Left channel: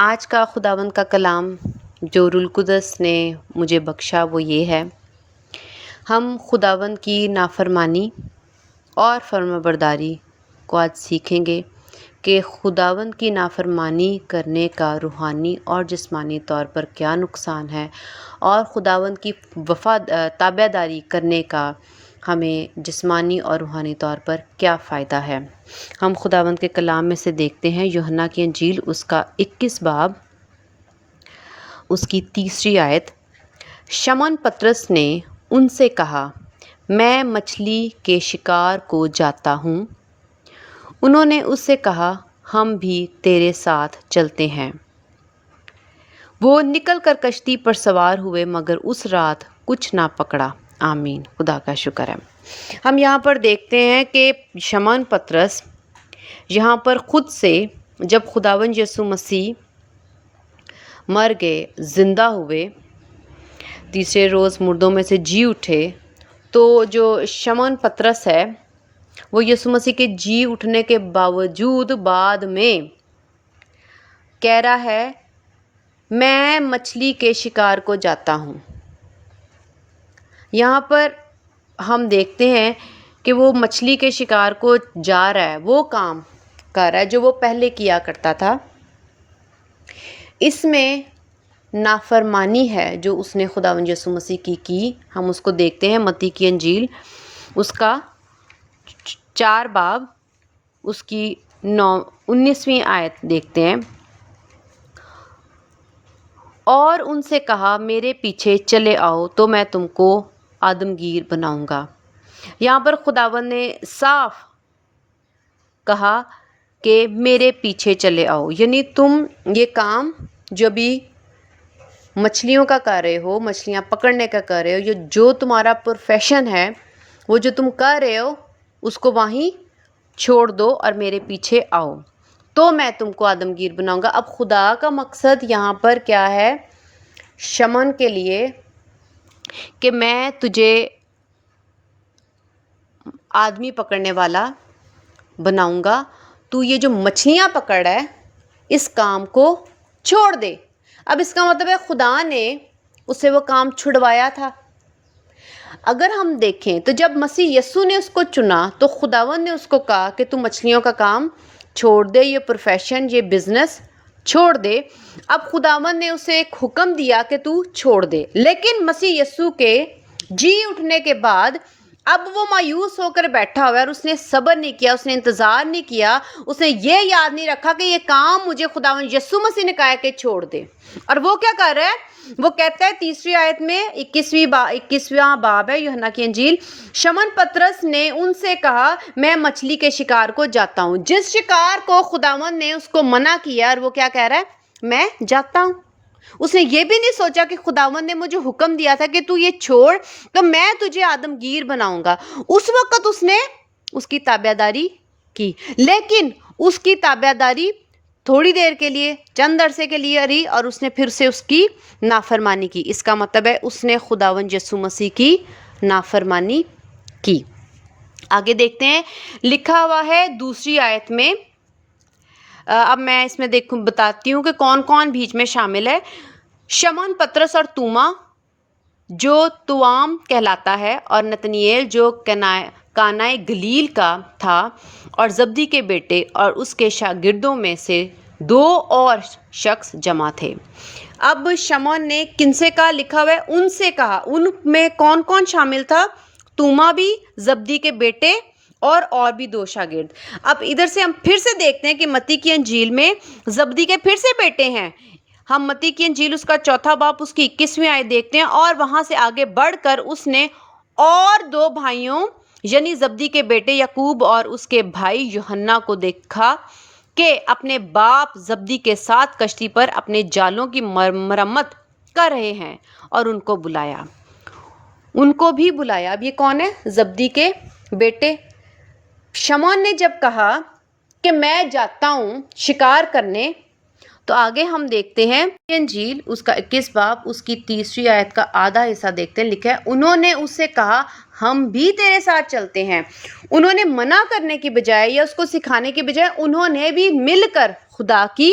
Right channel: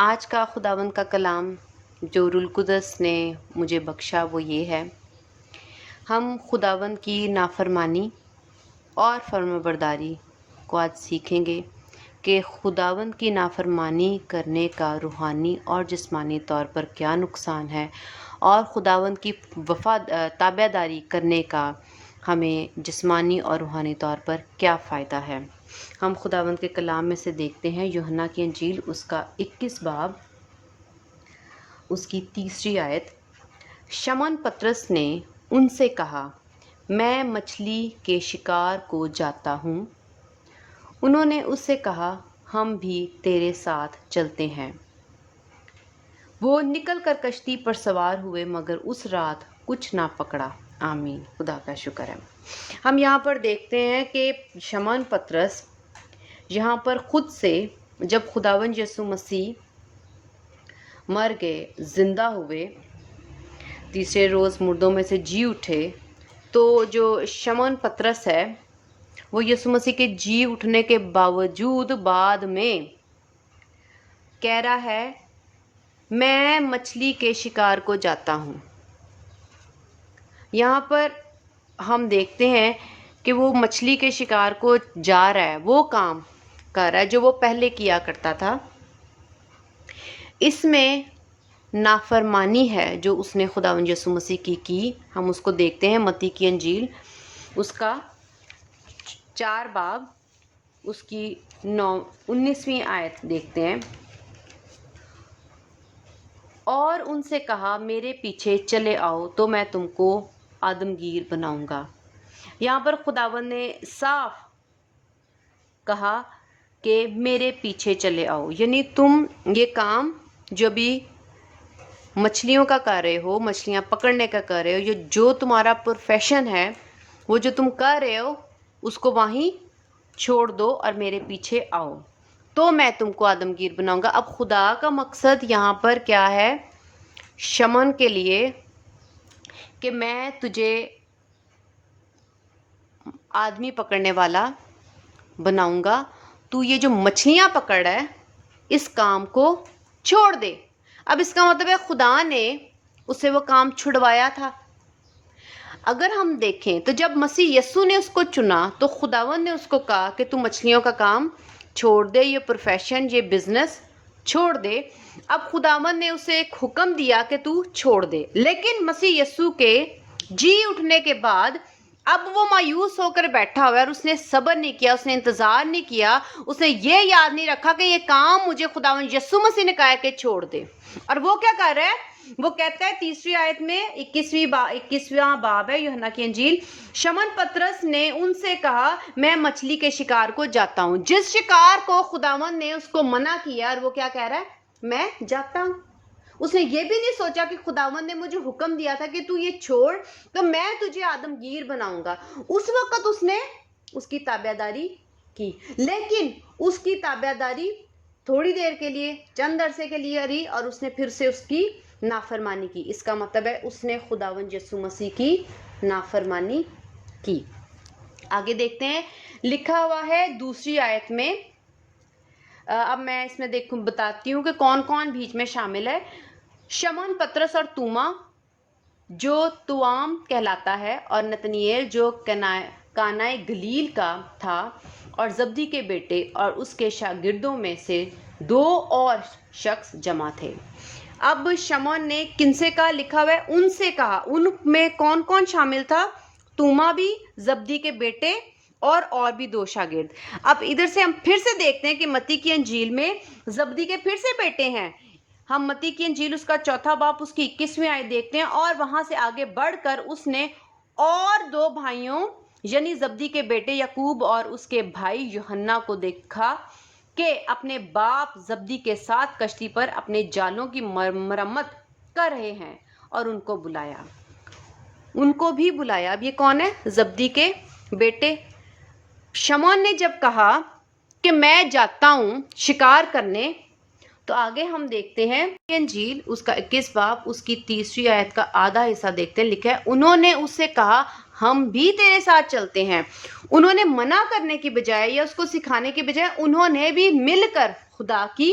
آج کا خداوند کا کلام جو روح القدس نے مجھے بخشا وہ یہ ہے، ہم خداوند کی نافرمانی اور فرمانبرداری کو آج سیکھیں گے کہ خداوند کی نافرمانی کرنے کا روحانی اور جسمانی طور پر کیا نقصان ہے، اور خداوند کی تابع داری کرنے کا ہمیں جسمانی اور روحانی طور پر کیا فائدہ ہے۔ ہم خداوند کے کلام میں سے دیکھتے ہیں یوحنا کی انجیل اس کا 21 باب اس کی 3 آیت۔ شمعون پطرس نے ان سے کہا، میں مچھلی کے شکار کو جاتا ہوں۔ انہوں نے اس سے کہا، ہم بھی تیرے ساتھ چلتے ہیں۔ وہ نکل کر کشتی پر سوار ہوئے مگر اس رات کچھ نہ پکڑا۔ آمین، خدا کا شکر ہے۔ ہم یہاں پر دیکھتے ہیں کہ شمعون پطرس یہاں پر خود سے جب خداوند یسوع مسیح مر گئے، زندہ ہوئے، تیسرے روز مردوں میں سے جی اٹھے، تو جو شمعون پطرس ہے وہ یسوع مسیح کے جی اٹھنے کے باوجود بعد میں کہہ رہا ہے، میں مچھلی کے شکار کو جاتا ہوں۔ یہاں پر ہم دیکھتے ہیں کہ وہ مچھلی کے شکار کو جا رہا ہے، وہ کام کر رہا ہے جو وہ پہلے کیا کرتا تھا۔ اس میں نافرمانی ہے جو اس نے خداوند یسوع مسیح کی۔ ہم اس کو دیکھتے ہیں متی کی انجیل اس کا 4 باب اس کی 19ویں آیت دیکھتے ہیں۔ اور ان سے کہا، میرے پیچھے چلے آؤ تو میں تم کو آدمگیر بناؤں گا۔ یہاں پر خداوند نے صاف کہا کہ میرے پیچھے چلے آؤ، یعنی تم یہ کام جو بھی مچھلیوں کا کر رہے ہو، مچھلیاں پکڑنے کا کر رہے ہو، جو تمہارا پروفیشن ہے، وہ جو تم کر رہے ہو اس کو وہیں چھوڑ دو اور میرے پیچھے آؤ تو میں تم کو آدمگیر بناؤں گا۔ اب خدا کا مقصد یہاں پر کیا ہے شمعون کے لیے کہ میں تجھے آدمی پکڑنے والا بناؤں گا، تو یہ جو مچھلیاں پکڑ رہا ہے اس کام کو چھوڑ دے۔ اب اس کا مطلب ہے خدا نے اسے وہ کام چھڑوایا تھا۔ اگر ہم دیکھیں تو جب مسیح یسوع نے اس کو چنا تو خداوند نے اس کو کہا کہ تو مچھلیوں کا کام چھوڑ دے، یہ پروفیشن، یہ بزنس چھوڑ دے۔ اب خداوند نے اسے ایک حکم دیا کہ تو چھوڑ دے، لیکن مسیح یسوع کے جی اٹھنے کے بعد اب وہ مایوس ہو کر بیٹھا ہوا ہے، اور اس نے صبر نہیں کیا، اس نے انتظار نہیں کیا، اس نے یہ یاد نہیں رکھا کہ یہ کام مجھے خداوند یسوع مسیح نے کہا کہ چھوڑ دے۔ اور وہ کیا کر رہا ہے؟ وہ کہتا ہے 3 آیت میں 21واں باب ہے یوحنا کی انجیل، شمعون پطرس نے ان سے کہا، میں مچھلی کے شکار کو جاتا ہوں۔ جس شکار کو خداوند نے اس کو منع کیا، اور وہ کیا کہہ رہا ہے؟ میں جاتا ہوں۔ اس نے یہ بھی نہیں سوچا کہ خداوند نے مجھے حکم دیا تھا کہ تو یہ چھوڑ تو میں تجھے آدمگیر بناؤں گا۔ اس وقت اس نے اس کی تابع داری کی، لیکن اس کی تابع داری تھوڑی دیر کے لیے، چند عرصے کے لیے رہی، اور اس نے پھر سے اس کی نافرمانی کی۔ اس کا مطلب ہے اس نے خداوند یسوع مسیح کی نافرمانی کی۔ آگے دیکھتے ہیں، لکھا ہوا ہے 2 آیت میں، اب میں اس میں بتاتی ہوں کہ کون کون بیچ میں شامل ہے۔ شمعون پطرس اور توما جو توام کہلاتا ہے، اور نتنیل جو کانائے گلیل کا تھا، اور زبدی کے بیٹے اور اس کے شاگردوں میں سے 2 اور شخص جمع تھے۔ اب شمعون نے کن سے کہا؟ لکھا ہوا ہے ان سے کہا۔ ان میں کون کون شامل تھا؟ توما بھی، زبدی کے بیٹے اور بھی 2 شاگرد۔ اب ادھر سے ہم پھر سے دیکھتے ہیں کہ متی کی انجیل میں زبدی کے پھر سے بیٹے ہیں۔ ہم متی کی انجیل اس کا 4 باب اس کی 21ویں آیت دیکھتے ہیں، اور وہاں سے آگے بڑھ کر اس نے اور 2 بھائیوں یعنی زبدی کے بیٹے یعقوب اور اس کے بھائی یوحنا کو دیکھا کہ اپنے باپ زبدی کے ساتھ کشتی پر اپنے جالوں کی مرمت کر رہے ہیں، اور ان کو بلایا۔ ان کو بھی بلایا۔ اب یہ کون ہے؟ زبدی کے بیٹے۔ شمعون نے جب کہا کہ میں جاتا ہوں شکار کرنے، تو آگے ہم دیکھتے ہیں انجیل اس کا 21 باب اس کی 3 آیت کا آدھا حصہ دیکھتے ہیں۔ لکھا ہے، انہوں نے اس سے کہا، ہم بھی تیرے ساتھ چلتے ہیں۔ انہوں نے منع کرنے کی بجائے یا اس کو سکھانے کی بجائے انہوں نے بھی مل کر خدا کی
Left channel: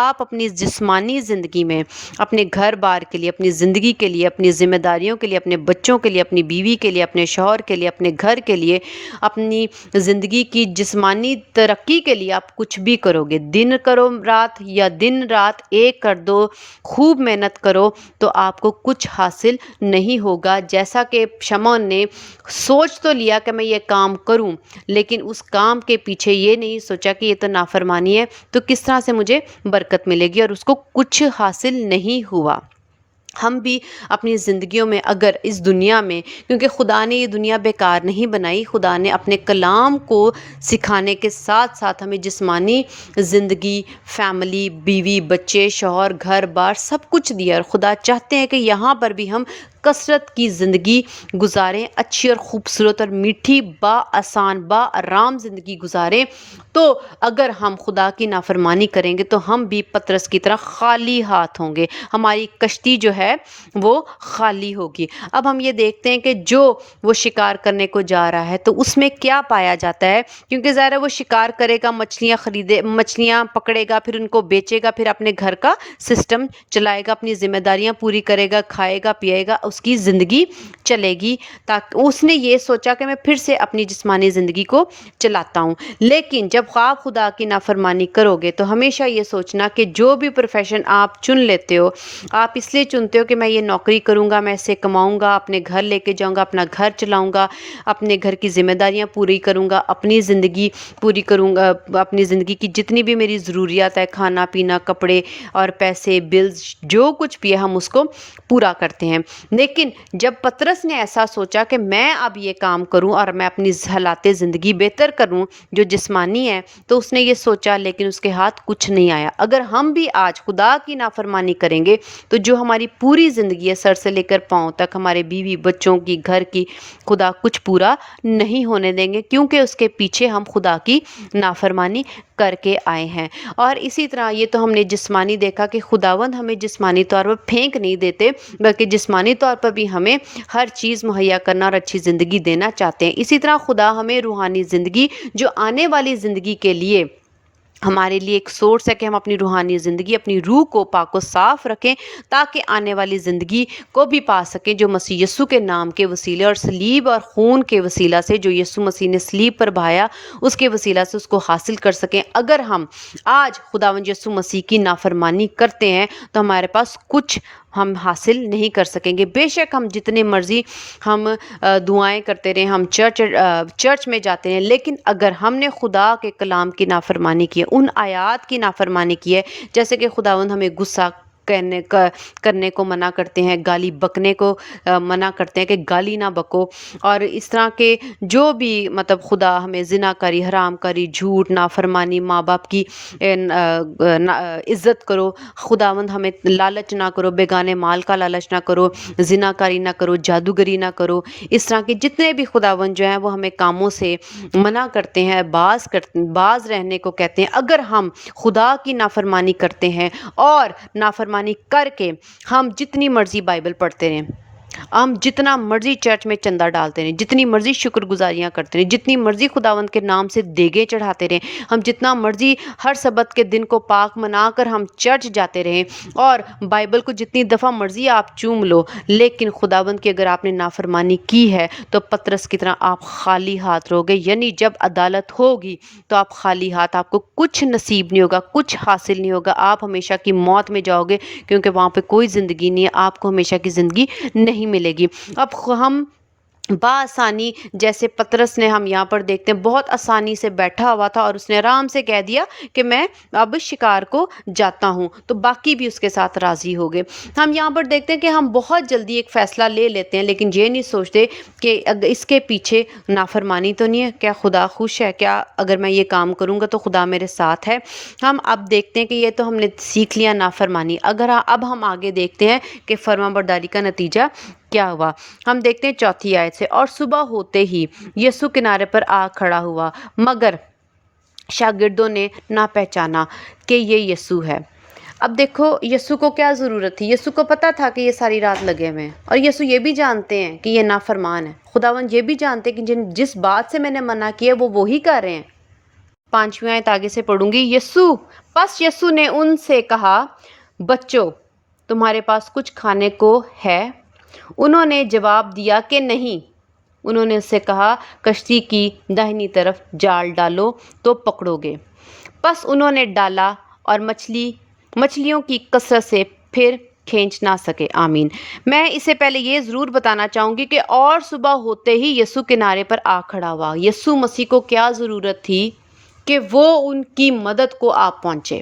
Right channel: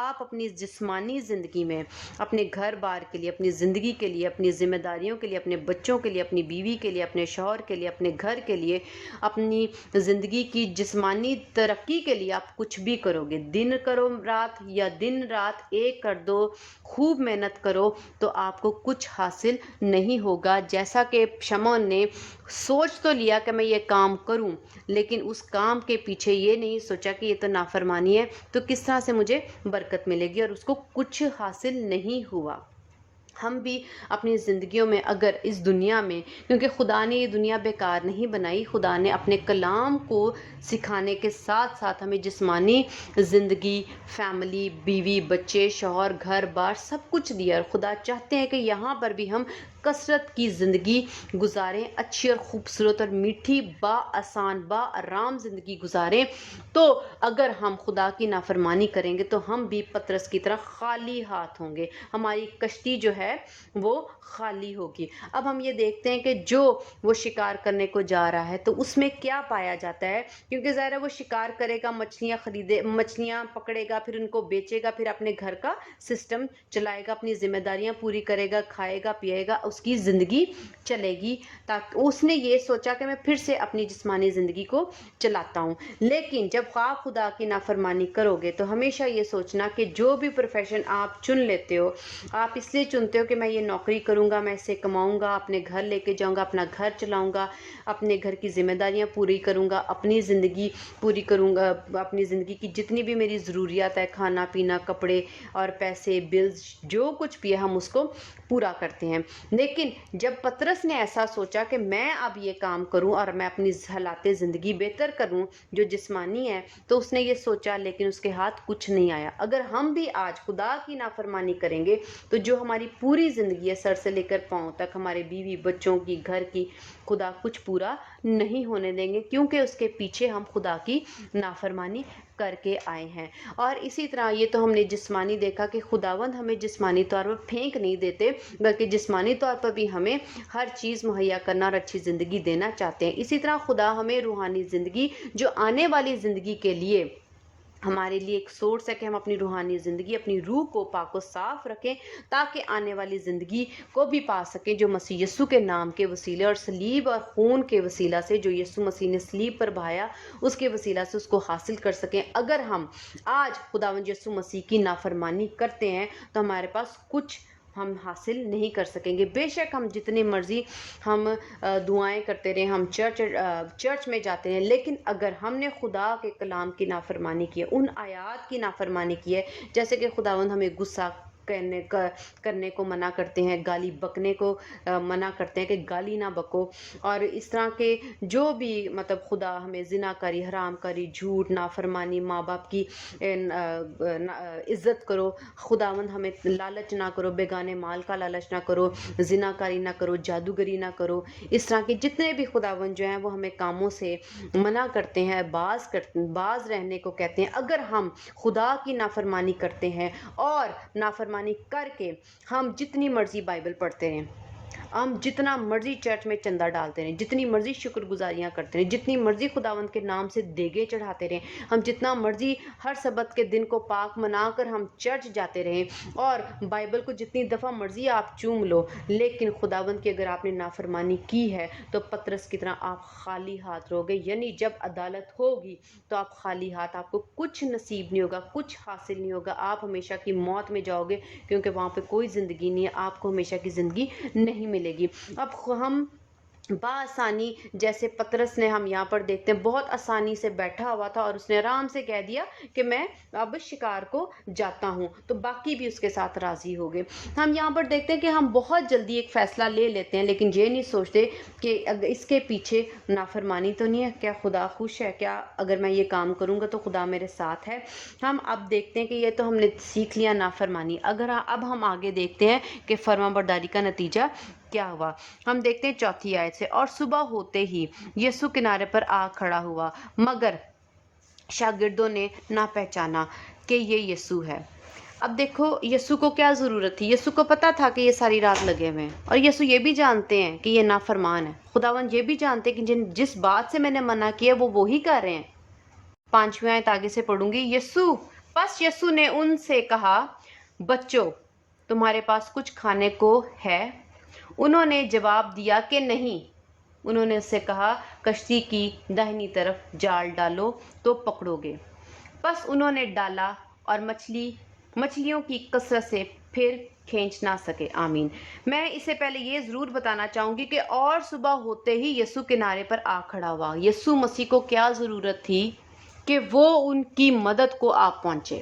آپ اپنی جسمانی زندگی میں اپنے گھر بار کے لیے، اپنی زندگی کے لیے، اپنی ذمہ داریوں کے لیے، اپنے بچوں کے لیے، اپنی بیوی کے لیے، اپنے شوہر کے لیے، اپنے گھر کے لیے، اپنی زندگی کی جسمانی ترقی کے لیے آپ کچھ بھی کرو گے، دن کرو رات یا دن رات ایک کر دو، خوب محنت کرو، تو آپ کو کچھ حاصل نہیں ہوگا۔ جیسا کہ شمعون نے سوچ تو لیا کہ میں یہ کام کروں، لیکن اس کام کے پیچھے یہ نہیں سوچا کہ یہ تو نافرمانی ہے، تو کس طرح سے مجھے برکت ملے گی، اور اس کو کچھ حاصل نہیں ہوا۔ ہم بھی اپنی زندگیوں میں اگر اس دنیا میں، کیونکہ خدا نے یہ دنیا بیکار نہیں بنائی، خدا نے اپنے کلام کو سکھانے کے ساتھ ساتھ ہمیں جسمانی زندگی، فیملی، بیوی، بچے، شوہر، گھر بار سب کچھ دیا، اور خدا چاہتے ہیں کہ یہاں پر بھی ہم کثرت کی زندگی گزاریں، اچھی اور خوبصورت اور میٹھی، آسان آرام زندگی گزاریں۔ تو اگر ہم خدا کی نافرمانی کریں گے تو ہم بھی پطرس کی طرح خالی ہاتھ ہوں گے، ہماری کشتی جو ہے وہ خالی ہوگی۔ اب ہم یہ دیکھتے ہیں کہ جو وہ شکار کرنے کو جا رہا ہے تو اس میں کیا پایا جاتا ہے، کیونکہ ظاہر ہے وہ شکار کرے گا، مچھلیاں پکڑے گا، پھر ان کو بیچے گا، پھر اپنے گھر کا سسٹم چلائے گا، اپنی ذمہ داریاں پوری کرے گا، کھائے گا پیے گا، اس کی زندگی چلے گی۔ تاکہ اس نے یہ سوچا کہ میں پھر سے اپنی جسمانی زندگی کو چلاتا ہوں۔ لیکن جب آپ خدا کی نافرمانی کرو گے تو ہمیشہ یہ سوچنا کہ جو بھی پروفیشن آپ چن لیتے ہو، آپ اس لیے چنتے ہو کہ میں یہ نوکری کروں گا، میں اسے کماؤں گا، اپنے گھر لے کے جاؤں گا، اپنا گھر چلاؤں گا، اپنے گھر کی ذمہ داریاں پوری کروں گا، اپنی زندگی پوری کروں گا، اپنی زندگی کی جتنی بھی میری ضروریات ہے، کھانا پینا، کپڑے اور پیسے، بلز، جو کچھ بھی ہے ہم اس کو پورا کرتے ہیں۔ لیکن جب پطرس نے ایسا سوچا کہ میں اب یہ کام کروں اور میں اپنی حالات زندگی بہتر کروں جو جسمانی ہے، تو اس نے یہ سوچا، لیکن اس کے ہاتھ کچھ نہیں آیا۔ اگر ہم بھی آج خدا کی نافرمانی کریں گے تو جو ہماری پوری زندگی ہے، سر سے لے کر پاؤں تک، ہمارے بیوی بچوں کی، گھر کی، خدا کچھ پورا نہیں ہونے دیں گے، کیونکہ اس کے پیچھے ہم خدا کی نافرمانی کر کے آئے ہیں۔ اور اسی طرح یہ تو ہم نے جسمانی دیکھا کہ خداوند ہمیں جسمانی طور پر پھینک نہیں دیتے، بلکہ جسمانی طور پر بھی ہمیں ہر چیز مہیا کرنا اور اچھی زندگی دینا چاہتے ہیں۔ اسی طرح خدا ہمیں روحانی زندگی، جو آنے والی زندگی کے لیے ہمارے لیے ایک سورس ہے، کہ ہم اپنی روحانی زندگی، اپنی روح کو پاک و صاف رکھیں، تاکہ آنے والی زندگی کو بھی پا سکیں، جو مسیح یسوع کے نام کے وسیلے اور صلیب اور خون کے وسیلہ سے، جو یسوع مسیح نے صلیب پر بہایا، اس کے وسیلہ سے اس کو حاصل کر سکیں۔ اگر ہم آج خداوند یسوع مسیح کی نافرمانی کرتے ہیں تو ہمارے پاس کچھ ہم حاصل نہیں کر سکیں گے۔ بے شک ہم جتنے مرضی ہم دعائیں کرتے رہیں، ہم چرچ میں جاتے ہیں، لیکن اگر ہم نے خدا کے کلام کی نافرمانی کی ہے، ان آیات کی نافرمانی کی ہے، جیسے کہ خداوند ہمیں غصہ کرنے کو منع کرتے ہیں، گالی بکنے کو منع کرتے ہیں کہ گالی نہ بکو، اور اس طرح کے جو بھی مطلب خدا ہمیں زنا کاری، حرام کاری، جھوٹ، نافرمانی، ماں باپ کی عزت کرو، خداوند ہمیں لالچ نہ کرو، بیگانے مال کا لالچ نہ کرو، زنا کاری نہ کرو، جادوگری نہ کرو، اس طرح کے جتنے بھی خداوند جو ہیں وہ ہمیں کاموں سے منع کرتے ہیں، باز رہنے کو کہتے ہیں۔ اگر ہم خدا کی نافرمانی کرتے ہیں اور نافرمانی کر کے ہم جتنی مرضی بائبل پڑھتے رہیں، ہم جتنا مرضی چرچ میں چندہ ڈالتے رہیں، جتنی مرضی شکر گزاریاں کرتے رہیں، جتنی مرضی خداوند کے نام سے دیگیں چڑھاتے رہیں، ہم جتنا مرضی ہر سبت کے دن کو پاک منا کر ہم چرچ جاتے رہیں، اور بائبل کو جتنی دفعہ مرضی آپ چوم لو، لیکن خداوند کی اگر آپ نے نافرمانی کی ہے تو پطرس کی طرح آپ خالی ہاتھ رہو گے۔ یعنی جب عدالت ہوگی تو آپ خالی ہاتھ، آپ کو کچھ نصیب نہیں ہوگا، کچھ حاصل نہیں ہوگا، آپ ہمیشہ کی موت میں جاؤ گے، کیونکہ وہاں پہ کوئی زندگی نہیں ہے، آپ کو ہمیشہ کی زندگی نہیں ملے گی۔ اب ہم بآسانی، جیسے پطرس نے ہم یہاں پر دیکھتے ہیں، بہت آسانی سے بیٹھا ہوا تھا اور اس نے آرام سے کہہ دیا کہ میں اب شکار کو جاتا ہوں، تو باقی بھی اس کے ساتھ راضی ہو گئے۔ ہم یہاں پر دیکھتے ہیں کہ ہم بہت جلدی ایک فیصلہ لے لیتے ہیں، لیکن یہ نہیں سوچتے کہ اس کے پیچھے نافرمانی تو نہیں ہے، کیا خدا خوش ہے، کیا اگر میں یہ کام کروں گا تو خدا میرے ساتھ ہے۔ ہم اب دیکھتے ہیں کہ یہ تو ہم نے سیکھ لیا نافرمانی، اب ہم آگے دیکھتے ہیں کہ فرما برداری کا نتیجہ کیا ہوا۔ ہم دیکھتے ہیں 4 آیت سے، اور صبح ہوتے ہی یسوع کنارے پر آ کھڑا ہوا، مگر شاگردوں نے نہ پہچانا کہ یہ یسوع ہے۔ اب دیکھو یسوع کو کیا ضرورت تھی، یسوع کو پتا تھا کہ یہ ساری رات لگے ہوئے ہیں، اور یسوع یہ بھی جانتے ہیں کہ یہ نافرمان ہے، خداوند یہ بھی جانتے ہیں کہ جس بات سے میں نے منع کیا وہ وہی کر رہے ہیں۔ 5ویں آیت آگے سے پڑھوں گی، یسوع پس یسوع نے ان سے کہا بچوں تمہارے پاس کچھ کھانے کو ہے؟ انہوں نے جواب دیا کہ نہیں۔ انہوں نے اس سے کہا کشتی کی داہنی طرف جال ڈالو تو پکڑو گے۔ پس انہوں نے ڈالا اور مچھلیوں کی کثرت سے پھر کھینچ نہ سکے۔ آمین۔ میں اس سے پہلے یہ ضرور بتانا چاہوں گی کہ اور صبح ہوتے ہی یسوع کنارے پر آ کھڑا ہوا۔ یسوع مسیح کو کیا ضرورت تھی کہ وہ ان کی مدد کو آ پہنچے۔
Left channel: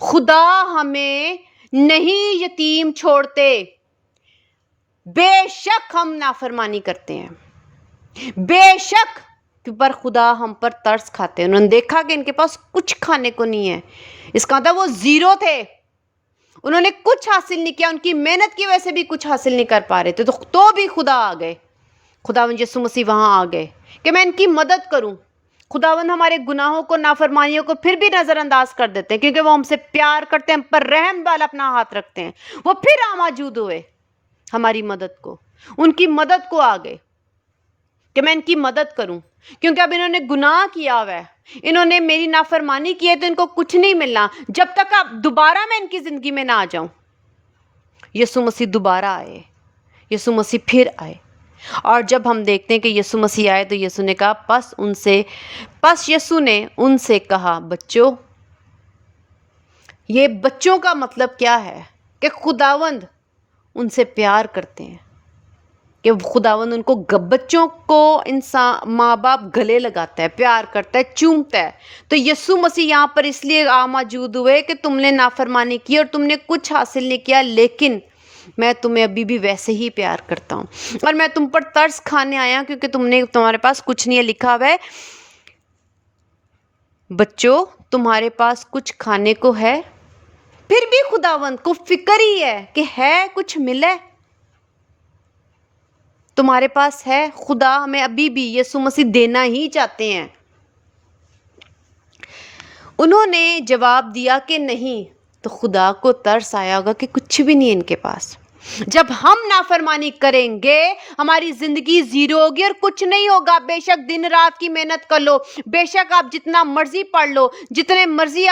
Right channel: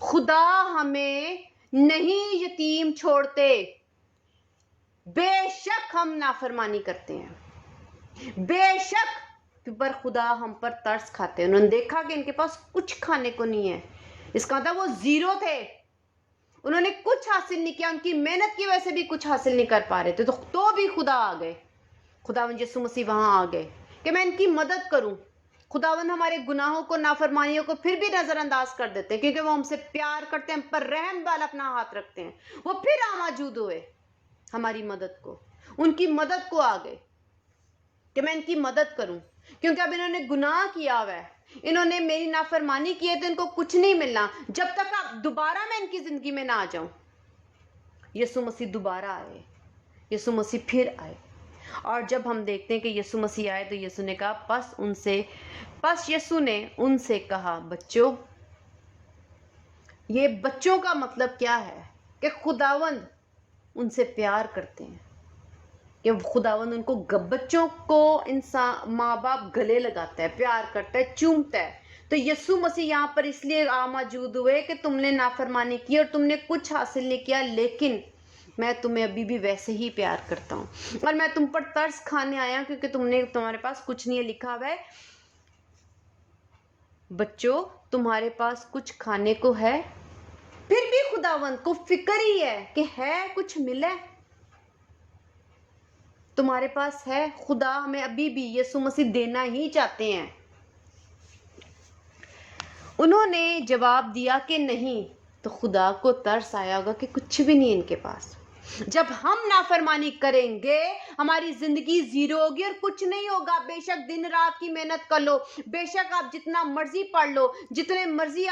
خدا ہمیں نہیں یتیم چھوڑتے، بے شک ہم نافرمانی کرتے ہیں، بے شک، پر خدا ہم پر ترس کھاتے ہیں۔ انہوں نے دیکھا کہ ان کے پاس کچھ کھانے کو نہیں ہے، اس کا مطلب وہ زیرو تھے، انہوں نے کچھ حاصل نہیں کیا، ان کی محنت کی وجہ سے بھی کچھ حاصل نہیں کر پا رہے تھے، تو بھی خدا آ گئے، خداوند یسوع مسیح وہاں آ گئے کہ میں ان کی مدد کروں۔ خداوند ہمارے گناہوں کو، نافرمانیوں کو پھر بھی نظر انداز کر دیتے ہیں کیونکہ وہ ہم سے پیار کرتے ہیں، ہم پر رحم والا اپنا ہاتھ رکھتے ہیں۔ وہ پھر موجود ہوئے ہماری مدد کو، ان کی مدد کو آ گئے کہ میں ان کی مدد کروں، کیونکہ اب انہوں نے گناہ کیا ہوا ہے، انہوں نے میری نافرمانی کی ہے، تو ان کو کچھ نہیں ملنا جب تک اب دوبارہ میں ان کی زندگی میں نہ آ جاؤں۔ یسوع مسیح دوبارہ آئے، یسوع مسیح پھر آئے، اور جب ہم دیکھتے ہیں کہ یسوع مسیح آئے تو یسوع نے کہا پس یسوع نے ان سے کہا بچوں۔ یہ بچوں کا مطلب کیا ہے کہ خداوند ان سے پیار کرتے ہیں، کہ خداوند ان کو بچوں کو انسان ماں باپ گلے لگاتا ہے، پیار کرتا ہے، چومتا ہے۔ تو یسوع مسیح یہاں پر اس لیے موجود ہوئے کہ تم نے نافرمانی کی اور تم نے کچھ حاصل نہیں کیا، لیکن میں تمہیں ابھی بھی ویسے ہی پیار کرتا ہوں، اور میں تم پر ترس کھانے آیا کیونکہ تمہارے پاس کچھ نہیں ہے۔ لکھا ہوا ہے بچوں تمہارے پاس کچھ کھانے کو ہے؟ پھر بھی خداوند کو فکر ہی ہے کہ ہے کچھ ملے، تمہارے پاس ہے۔ خدا ہمیں ابھی بھی یسوع مسیح دینا ہی چاہتے ہیں۔ انہوں نے جواب دیا کہ نہیں، تو خدا کو ترس آیا ہوگا کہ کچھ بھی نہیں ان کے پاس۔ جب ہم نافرمانی کریں گے ہماری زندگی زیرو ہوگی اور کچھ نہیں ہوگا۔ بے شک دن رات کی محنت کر لو، بے شک آپ جتنا مرضی پڑھ لو، جتنے مرضی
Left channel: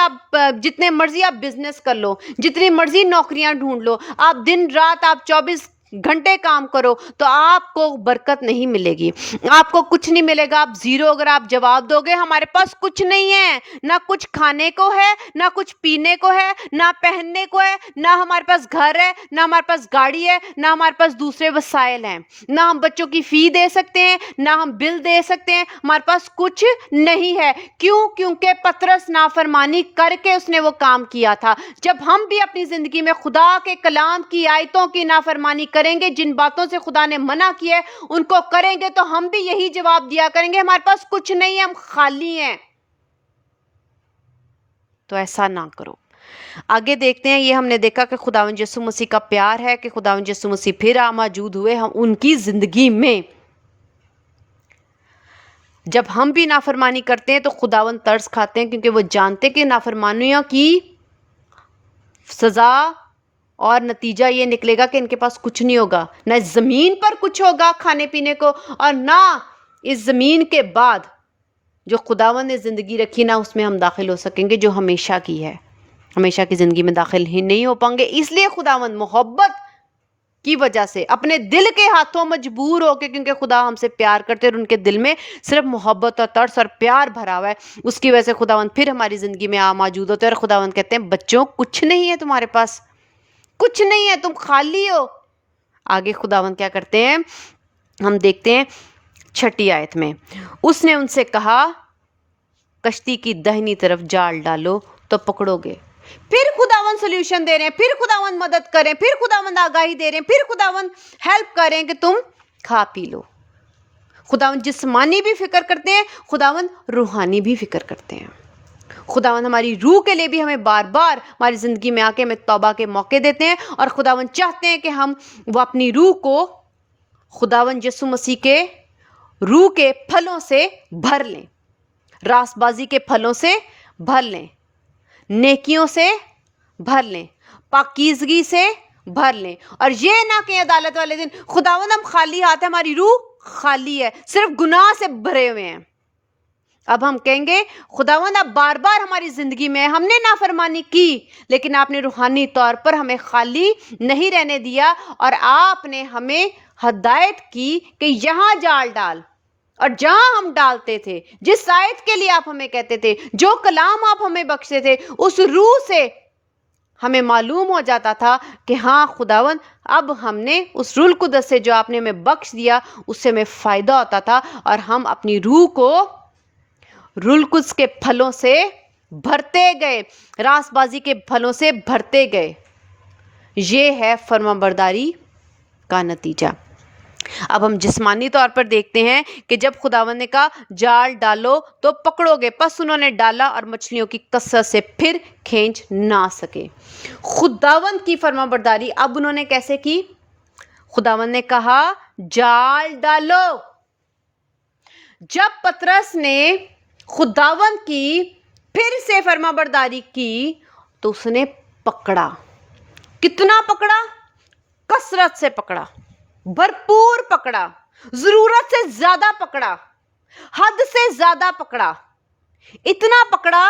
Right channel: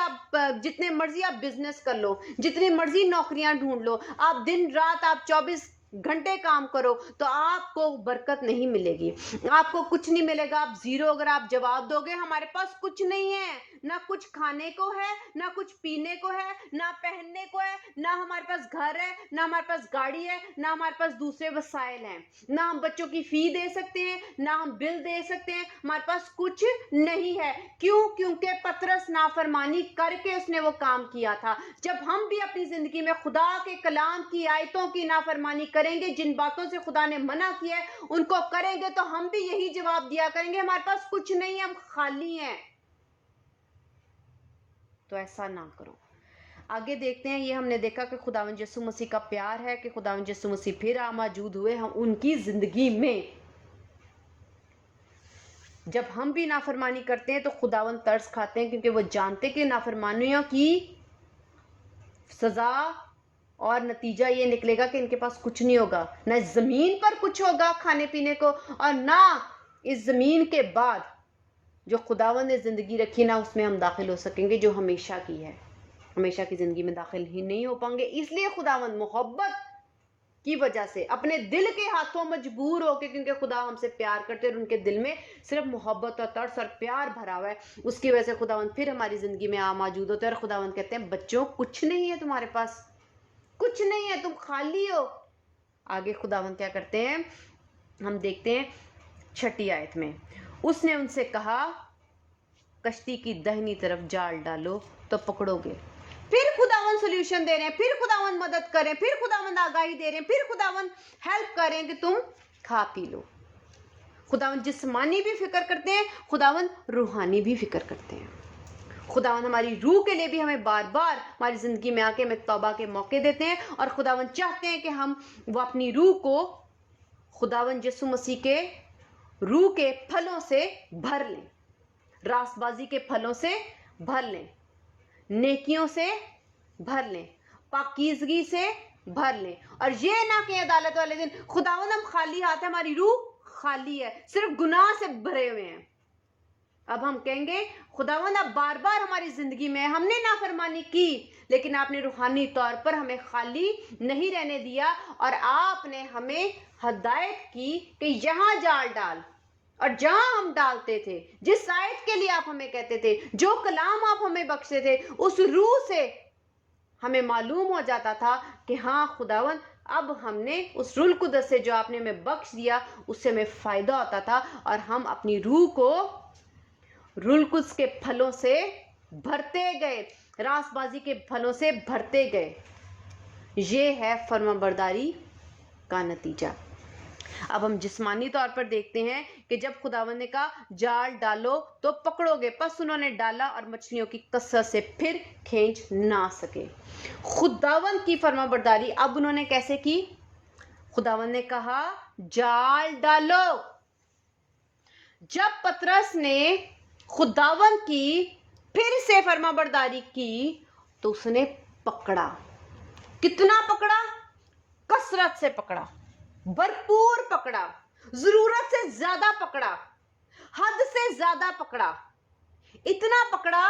آپ بزنس کر لو، جتنی مرضی نوکریاں ڈھونڈ لو، آپ دن رات آپ 24 گھنٹے کام کرو، تو آپ کو برکت نہیں ملے گی، آپ کو کچھ نہیں ملے گا۔ آپ زیرو اگر آپ جواب دو گے ہمارے پاس کچھ نہیں ہے، نہ کچھ کھانے کو ہے، نہ کچھ پینے کو ہے، نہ پہننے کو ہے، نہ ہمارے پاس گھر ہے، نہ ہمارے پاس گاڑی ہے، نہ ہمارے پاس دوسرے وسائل ہیں، نہ ہم بچوں کی فی دے سکتے ہیں، نہ ہم بل دے سکتے ہیں، ہمارے پاس کچھ نہیں ہے۔ کیونکہ پطرس نافرمانی کر کے اس نے وہ کام کیا تھا۔ جب ہم بھی اپنی زندگی میں خدا کے کلام کی آیتوں کی نافرمانی کریں گے، جن باتوں سے خدا نے منع کیا ہے ان کو کریں گے، تو ہم بھی یہی جواب دیا کریں گے ہمارے پاس کچھ نہیں ہے، ہم خالی ہیں۔ تو ایسا نہ کرو۔ آگے دیکھتے ہیں، یہ ہم نے دیکھا کہ خداوند یسوع مسیح کا پیار ہے کہ خداوند یسوع مسیح پھر موجود ہوئے ہم ان کی زندگی میں۔ جب ہم بھی نافرمانی کرتے ہیں تو خداوند ترس کھاتے ہیں، کیونکہ وہ جانتے کہ نافرمانیوں کی سزا اور نتیجہ یہ نکلے گا کہ ان کے پاس کچھ نہیں ہوگا، نہ اس زمین پر کچھ ہوگا کھانے پینے کو، اور نہ اس زمین کے بعد جو خداوند نے زندگی رکھی نہ اس میں ہم داخل ہو سکیں گے جو ہمیشہ کی ہے۔ ہمیشہ کی زندگی میں داخل ہی نہیں ہو پائیں گے۔ اس لیے خداوند محبت کی وجہ سے اپنے دل کے ہاتھوں مجبور ہو کے، کیونکہ خدا ہم سے پیار کرتے اور ان کے دل میں صرف محبت اور ترس اور پیار بھرا ہوا ہے، اس کی وجہ سے خداوند پھر ہماری زندگی میں موجود ہوتے ہیں، اور خداوند کہتے ہیں بچوں کچھ نہیں ہے تمہارے پاس، کچھ نہیں ہے، تم خالی ہو۔ آگے خداوند کیا کرتے ہیں ہم دیکھتے ہیں 6 آیت میں، اس نے ان سے کہا کشتی کی دہنی طرف جال ڈالو تو پکڑو گے۔ پھر خداوند سولوشن دے رہے ہیں، پھر خداوند مدد کریں، پھر خداوند آگاہی دے رہے ہیں، پھر خداوند ہیلپ کریں کہ تم کھا پی لو۔ خداوند جسمانی بھی فکر کرتے ہیں، خداوند روحانی بھی فکر کرتے ہیں۔ خداوند ہماری روح کے لیے بھی ہمیں بار بار ہماری زندگی میں آ کے ہمیں توبہ کے موقع دیتے ہیں، اور خداوند چاہتے ہیں کہ ہم وہ اپنی روح کو خداوند یسوع مسیح کے روح کے پھلوں سے بھر لیں، راست بازی کے پھلوں سے بھر لیں، نیکیوں سے بھر لیں، پاکیزگی سے بھر لیں، اور یہ نہ کہ عدالت والے دن خداوند ہم خالی ہاتھ ہیں، ہماری روح خالی ہے، صرف گناہ سے بھرے ہوئے ہیں، اب ہم کہیں گے خداوند اب بار بار ہماری زندگی میں ہم نے نافرمانی کی، لیکن آپ نے روحانی طور پر ہمیں خالی نہیں رہنے دیا، اور آپ نے ہمیں ہدایت کی کہ یہاں جال ڈال، اور جہاں ہم ڈالتے تھے، جس آیت کے لیے آپ ہمیں کہتے تھے، جو کلام آپ ہمیں بخشتے تھے، اس روح سے ہمیں معلوم ہو جاتا تھا کہ ہاں خداوند اب ہم نے اس روح القدس سے جو آپ نے ہمیں بخش دیا اس سے ہمیں فائدہ ہوتا تھا، اور ہم اپنی روح کو روح القدس کے پھلوں سے بھرتے گئے، راست بازی کے پھلوں سے بھرتے گئے۔ یہ ہے فرمانبرداری کا نتیجہ۔ اب ہم جسمانی طور پر دیکھتے ہیں کہ جب خداوند نے کہا جال ڈالو تو پکڑو گے، پس انہوں نے ڈالا اور مچھلیوں کی کثرت سے پھر کھینچ نہ سکے۔ خداوند کی فرمانبرداری اب انہوں نے کیسے کی؟ خداوند نے کہا جال ڈالو۔ جب پطرس نے خداوند کی پھر سے فرمانبرداری کی تو اس نے پکڑا۔ کتنا پکڑا؟ کثرت سے پکڑا، بھرپور پکڑا، ضرورت سے زیادہ پکڑا، حد سے زیادہ پکڑا، اتنا پکڑا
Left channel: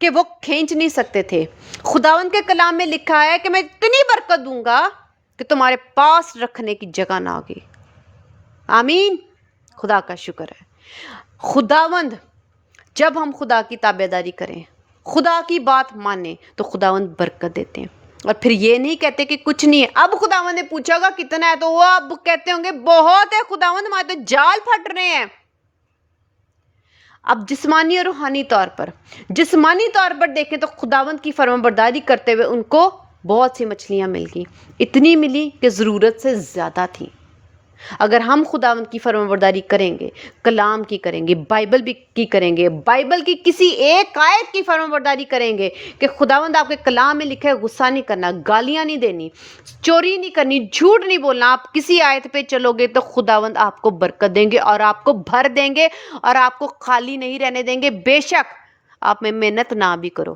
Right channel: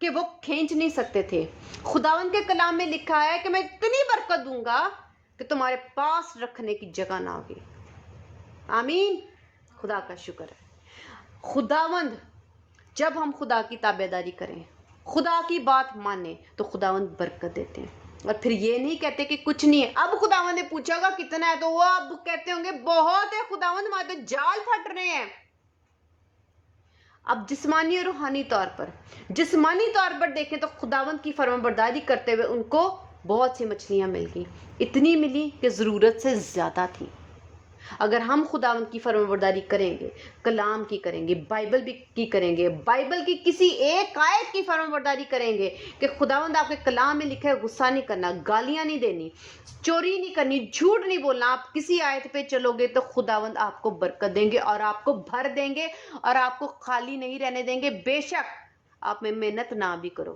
کہ وہ کھینچ نہیں سکتے تھے۔ خداوند کے کلام میں لکھا ہے کہ میں اتنی برکت دوں گا کہ تمہارے پاس رکھنے کی جگہ نہ ہوگی۔ آمین، خدا کا شکر ہے۔ خداوند جب ہم خدا کی تابعداری کریں، خدا کی بات مانیں تو خداوند برکت دیتے ہیں، اور پھر یہ نہیں کہتے کہ کچھ نہیں ہے۔ اب خداوند نے پوچھا ہوگا کتنا ہے تو وہ اب کہتے ہوں گے بہت ہے خداوند، ہمارے تو جال پھٹ رہے ہیں۔ اب جسمانی اور روحانی طور پر، جسمانی طور پر دیکھیں تو خداوند کی فرمانبرداری کرتے ہوئے ان کو بہت سی مچھلیاں مل گئیں، اتنی ملی کہ ضرورت سے زیادہ تھی۔ اگر ہم خداوند کی فرمانبرداری کریں گے، کلام کی کریں گے، بائبل بھی کی کریں گے، بائبل کی کسی ایک آیت کی فرمانبرداری کریں گے کہ خداوند آپ کے کلام میں لکھا ہے غصہ نہیں کرنا، گالیاں نہیں دینی، چوری نہیں کرنی، جھوٹ نہیں بولنا، آپ کسی آیت پہ چلو گے تو خداوند آپ کو برکت دیں گے اور آپ کو بھر دیں گے اور آپ کو خالی نہیں رہنے دیں گے، بے شک آپ میں محنت نہ بھی کرو۔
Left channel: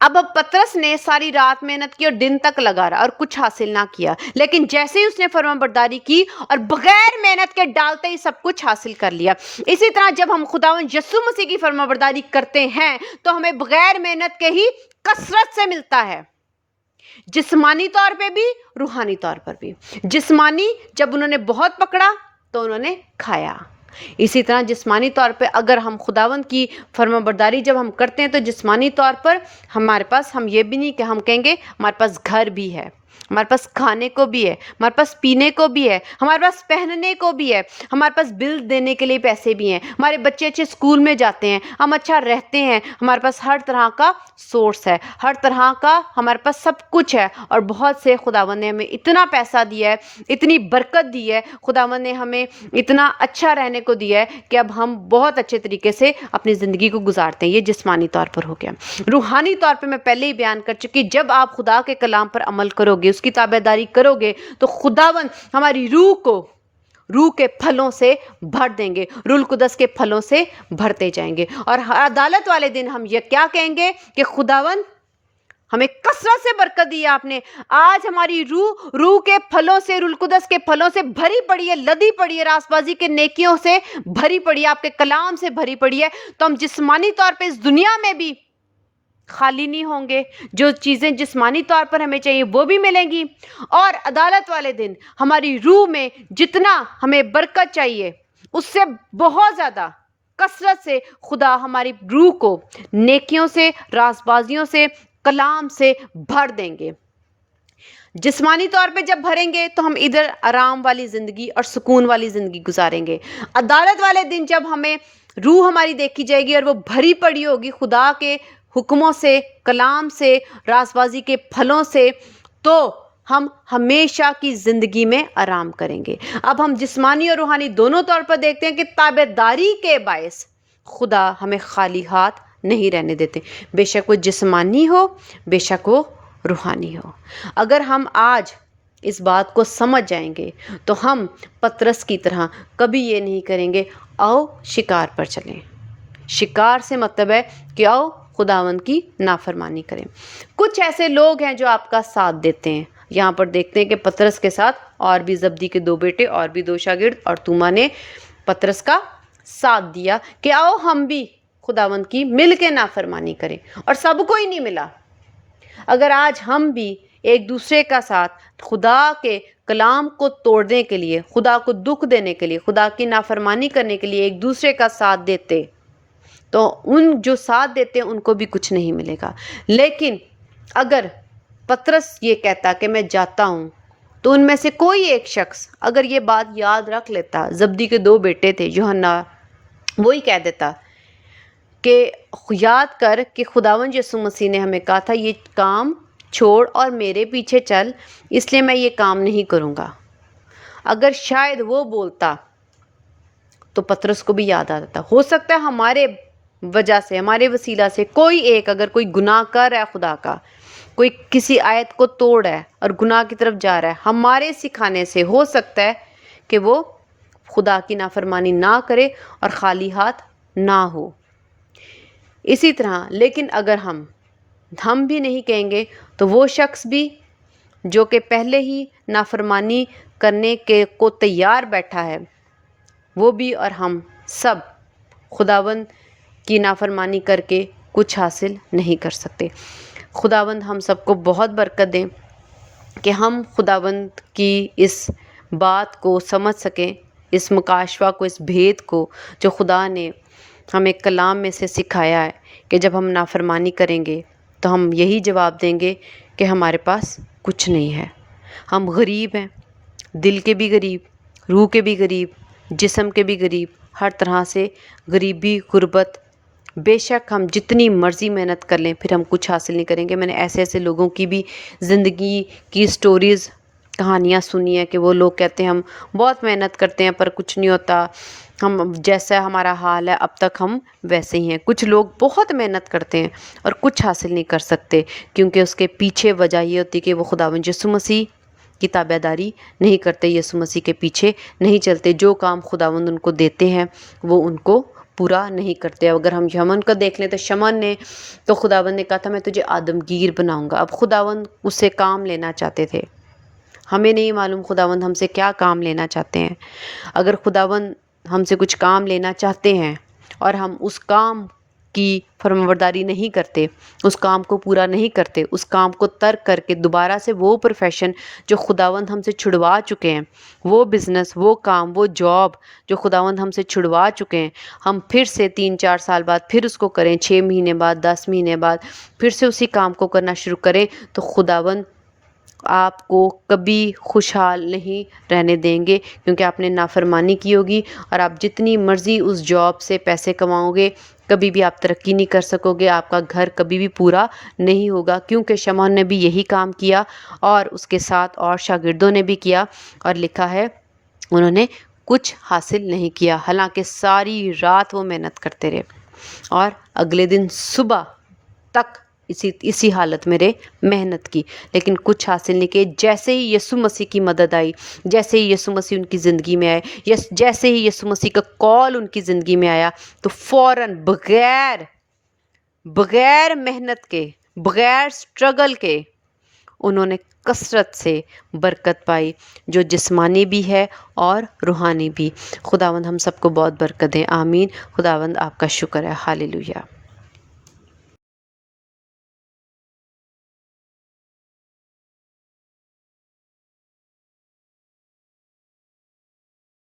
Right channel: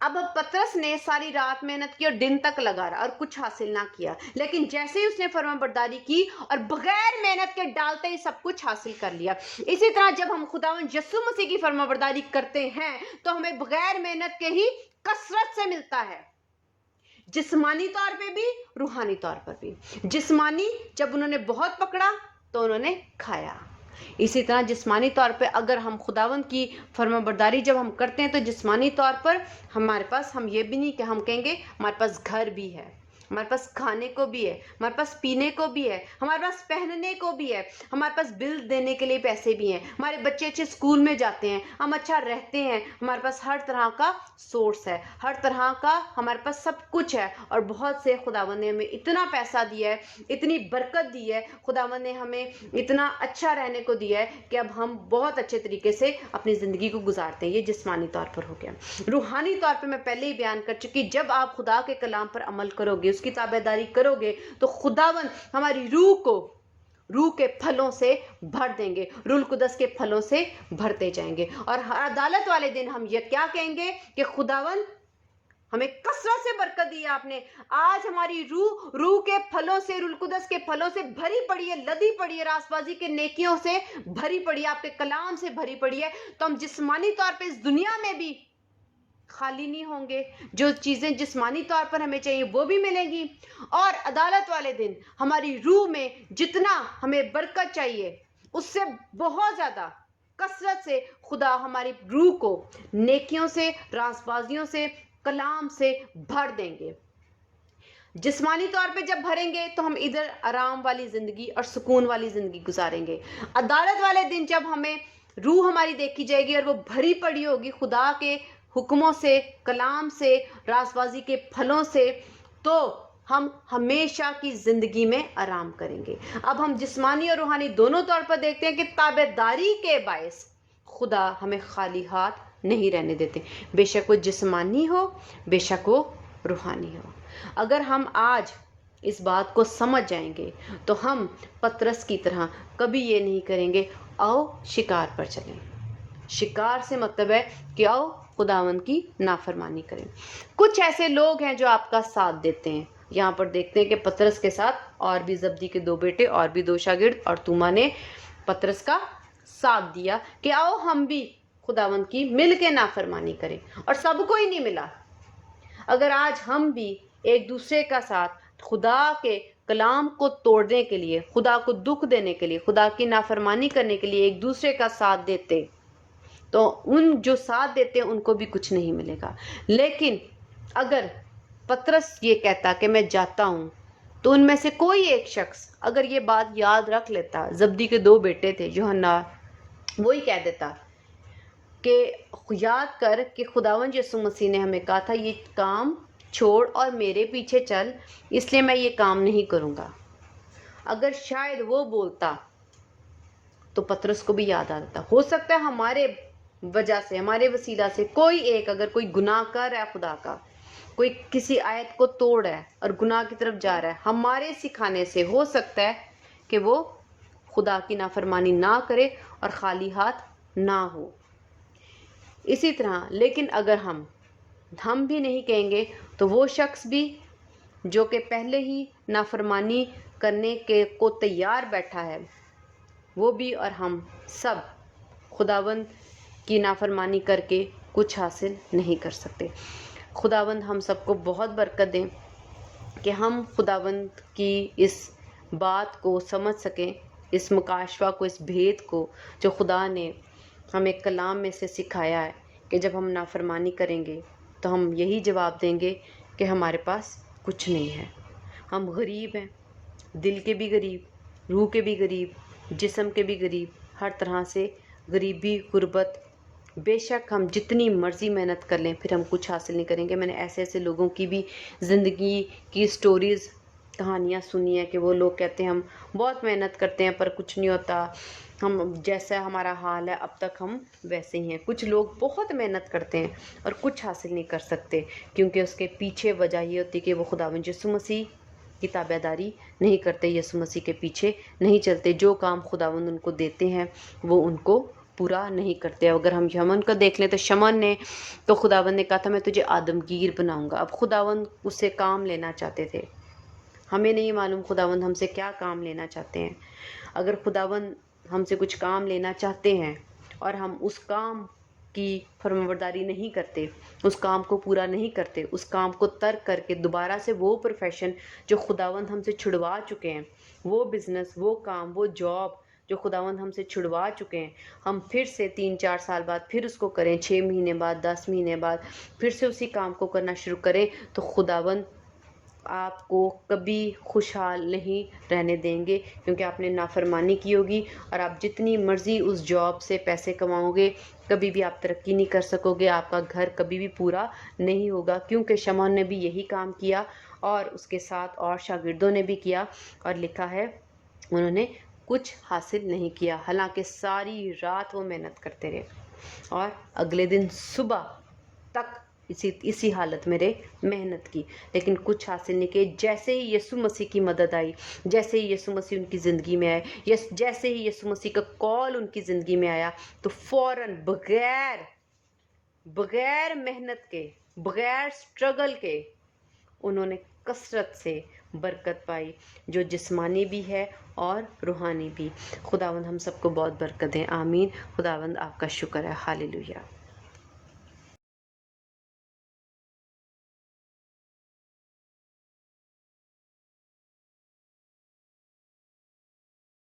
اب پطرس نے ساری رات محنت کی اور دن تک لگا رہا اور کچھ حاصل نہ کیا، لیکن جیسے ہی اس نے فرمانبرداری کی اور بغیر محنت کے ڈالتے ہی سب کچھ حاصل کر لیا۔ اسی طرح جب ہم خداوند یسوع مسیح کی فرمانبرداری کرتے ہیں تو ہمیں بغیر محنت کے ہی کثرت سے ملتا ہے، جسمانی طور پہ بھی، روحانی طور پر بھی۔ جسمانی جب انہوں نے بہت پکڑا تو انہوں نے کھایا، اسی طرح جسمانی طور پہ اگر ہم خداوند کی فرمانبرداری جب ہم کرتے ہیں تو جسمانی طور پر ہمارے پاس، ہم یہ بھی نہیں کہ ہم کہیں گے ہمارے پاس گھر بھی ہے، ہمارے پاس کھانے کو بھی ہے، ہمارے پاس پینے کو بھی ہے، ہمارے پاس پہننے کو بھی ہے، ہمارے پاس بل دینے کے لیے پیسے بھی ہیں، ہمارے بچے اچھے اسکول میں جاتے ہیں، ہم اچھا رہتے ہیں، ہمارے پاس ہر طرح کا سورس ہے، ہر طرح کا ہمارے پاس سب کچھ ہے، اور بہت سے خداوند نے ہمیں اتنا پیسہ دیا ہے، اتنی برکت دی ہے، خداوند نے ہمیں اتنا اچھا رہنے کو دیا ہے کہ اب ہم بہت اچھے طریقے سے اپنی زندگی کو گزارتے ہیں۔ یہ جسمانی طور پر ہو گیا۔ روحانی طور پہ میں پہلے ہی بیان کر چکی، جب آپ خدا کے کلام پر عمل کرو گے، اس کی تابعداری کرو گے تو خداوند ہماری روح کو روح کے پھلوں سے بھر دیں گے، روح القدس کے پھلوں سے بھرتے جائیں گے، اور عدالت والے دن ہم یہ کیا کہیں گے کہ خداوند ہمیں کثرت سے برکت دی ہے آپ نے، آج ہماری روح کے پھلوں سے، روح القدس کے پھلوں سے بھری پڑی ہے، لدی پڑی ہے، راست بازی کے نیکیوں سے بھری پڑی ہے، آپ کے کلام سے بھری پڑی ہے، تو ہم جسمانی طور پہ اس دنیا میں بھی خالی نہیں ہوں گے، جو چیزیں جسمانی طور پر ہمیں چاہیے وہ بھی ملیں گی، اور عدالت والے دن ہماری روح میں جتنا ہمیں برکت چاہیے اس سے بہت زیادہ کثرت سے خدا ہماری روح کو نیکیوں سے، راست بازیوں سے، کلام سے بھر دیں گے۔ جسمانی طور پہ جب بھریں گے تو ہم ادھر آرام والی زندگی اور سکون والی زندگی گزاریں گے، عدالت والے دن جب ہمیں روح ہماری دیکھی جائے گی اور وہ بھری پڑی ہوگی خدا کے حکموں سے، کلام سے، راست بازی کے پھلوں سے، تو ہم ہمیشہ کی زندگی میں آرام کریں گے۔ اب ہم جسمانی اور روحانی دونوں طور پر دیکھتے ہیں کہ تابعداری کے باعث خدا ہمیں خالی ہاتھ نہیں رہنے دیتے، بے شک وہ جسمانی ہو، بے شک وہ روحانی ہو۔ اگر ہم آج اس بات کو سمجھ جائیں گے تو ہم پطرس کی طرح کبھی یہ نہیں کریں گے آؤ شکار پر چلیں۔ شکار سے مطلب ہے کہ آؤ خداوند کی نافرمانی کریں۔ کچھ ایسے لوگ ہیں جو آپ کا ساتھ دیتے ہیں، یہاں پر دیکھتے ہیں کہ پطرس کے ساتھ اور بھی زبدی کے 2 بیٹے اور بھی 2 شاگرد اور توما نے پطرس کا ساتھ دیا کہ آؤ ہم بھی خداوند کی مل کے نافرمانی کریں، اور سب کو ہی نہیں ملا۔ اگر آج ہم بھی ایک دوسرے کا ساتھ خدا کے کلام کو توڑنے کے لیے، خدا کو دکھ دینے کے لیے، خدا کی نافرمانی کرنے کے لیے ایک دوسرے کا ساتھ دیتے، تو ان جو ساتھ دیتے ان کو بھی کچھ نہیں ملے گا۔ لیکن اگر پطرس یہ کہتا کہ میں جاتا ہوں، تو ان میں سے کوئی ایک شخص اگر یہ بات یاد رکھ لیتا، زبدی کے 2 بیٹے تھے یوحنا، وہی کہہ دیتا کہ یاد کر کہ خداوند یسوع مسیح نے ہمیں کہا تھا یہ کام چھوڑ اور میرے پیچھے چل، اس لیے میں یہ کام نہیں کروں گا۔ اگر شاید وہ بولتا تو پطرس کو بھی یاد آتا۔ ہو سکتا ہے ہمارے وجہ سے، ہمارے وسیلہ سے کوئی ایک اگر کوئی گناہ کر رہا ہے خدا کا، کوئی کسی آیت کو توڑ ہے اور گناہ کی طرف جا رہا ہے، ہمارے سکھانے سے ہو سکتا ہے کہ وہ خدا کی نافرمانی نہ کرے اور خالی ہاتھ نہ ہو۔ اسی طرح لیکن اگر ہم بھی نہیں کہیں گے تو وہ شخص بھی جو کہ پہلے ہی نافرمانی کرنے کے کو تیار بیٹھا ہے، وہ بھی اور ہم سب خداوند کی نافرمانی کر کے کچھ حاصل نہیں کر سکتے۔ خداوند ہم سب کو بہت برکت دیں کہ ہم خداوند کی اس بات کو سمجھ سکیں، اس مکاشفہ کو، اس بھید کو جو خدا نے ہمیں کلام میں سے سکھایا ہے کہ جب ہم نافرمانی کریں گے تو ہم یہی جواب دیں گے کہ ہمارے پاس کچھ نہیں ہے، ہم غریب ہیں، دل کے بھی غریب، روح کے بھی غریب، جسم کے بھی غریب، ہر طرح سے غریبی، غربت۔ بے شک ہم جتنی مرضی محنت کر لیں پھر ہم کچھ حاصل نہیں کریں گے۔ میں نے ایسے ایسے لوگوں کی بھی زندگی کی سٹوریز، کہانیاں سنی ہیں کہ وہ لوگ کہتے ہیں ہم بہت محنت کرتے ہیں پر کچھ نہیں ہوتا، ہم جیسا ہمارا حال ہے اب تک ہم ویسے ہی ہیں۔ کچھ لوگ بہت محنت کرتے ہیں اور کچھ حاصل نہیں کر سکتے، کیونکہ اس کے پیچھے وجہ یہ ہوتی ہے کہ وہ خداوند یسوع مسیح کی تابع داری نہیں کرتے، یسوع مسیح کے پیچھے نہیں چلتے، جو کام خداوند ان کو دیتے ہیں وہ ان کو پورا نہیں کرتے۔ اگر ہم شمعون کو دیکھ لیں تو شمعون نے تو خداوند نے کہا تھا میں تجھے آدمگیر بناؤں گا، اب خداوند اس سے کام لینا چاہتے تھے۔ ہمیں نہیں معلوم خداوند ہم سے کیا کام لینا چاہتے ہیں۔ اگر خداوند ہم سے کچھ کام لینا چاہتے ہیں اور ہم اس کام کی فرمانبرداری نہیں کرتے، اس کام کو پورا نہیں کرتے، اس کام کو ترک کر کے دوبارہ سے وہ پروفیشن جو خداوند ہم سے چھڑوا چکے ہیں، وہ بزنس، وہ کام، وہ جاب جو خداوند ہم سے چھڑوا چکے ہیں، ہم پھر سے 3-4 سال بعد پھر اس کو کریں، 6 مہینے بعد، 10 مہینے بعد پھر سے اسی کام کو کرنا شروع کریں، تو خداوند آپ کو کبھی خوشحال نہیں رہنے دیں گے، کیونکہ آپ نے نافرمانی کی ہوگی، اور آپ جتنی مرضی اس جاب سے پیسے کماؤ گے کبھی بھی آپ ترقی نہیں کر سکو گے، آپ کا گھر کبھی بھی پورا نہیں ہوگا، کیونکہ شمعون نے بھی یہی کام کیا اور اس کے ساتھ اور شاگردوں نے بھی کیا، اور لکھا ہے انہوں نے کچھ حاصل نہیں کیا، حالانکہ ساری رات وہ محنت کرتے رہے اور اگلے دن صبح تک اسی حالت میں رہے، محنت کی، لیکن کچھ حاصل نہیں کیے۔ جیسے ہی یسوع مسیح کی مدد آئی، جیسے ہی یسوع مسیح ان کی زندگی میں آئے، جیسے ہی یسوع مسیح کا کال ان کی زندگی میں آیا، تو فوراً بغیر محنت کے، بغیر سٹرگل کے انہوں نے کثرت سے برکت پائی، جو جسمانی بھی ہے اور روحانی بھی۔ خداوند ہم سب کو بہت برکت دے، آمین۔ خداوند آپ کا شکر ہے، ہاللیلویہ۔